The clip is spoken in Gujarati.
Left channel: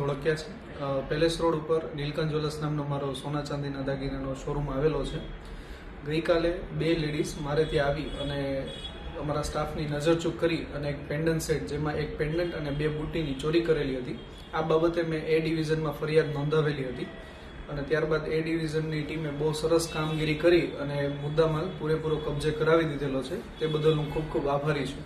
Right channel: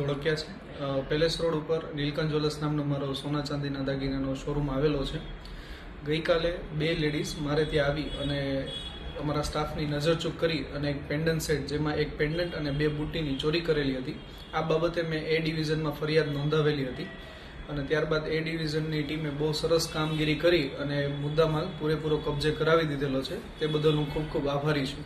ધોળકિયા છે. પેલેસ રોડ ઉપર નીલકંઠ જ્વેલર્સ નામનો મારો સોના ચાંદીના દાગીનાનો શોરૂમ આવેલો છે. ગઈકાલે 2 લેડીઝ મારે ત્યાં આવી અને અમારા સ્ટાફની નજરચૂક કરી અને એક પેન્ડન્ટ સેટ, જેમાં એક પેન્ડન્ટ અને 2 બુટ્ટીની ચોરી કરેલી હતી. આ બાબતે મેં એ ડિવિઝનમાં ફરિયાદ નોંધાવેલી હતી અને ત્યારબાદ એ ડિવિઝનની ટીમે બહુ સરસ કામગીરી કરી અને મુદ્દામાલ પૂરેપૂરો કબજે કરાવી દીધેલો છે. તે બદલ હું ખૂબ ખૂબ આભારી છું.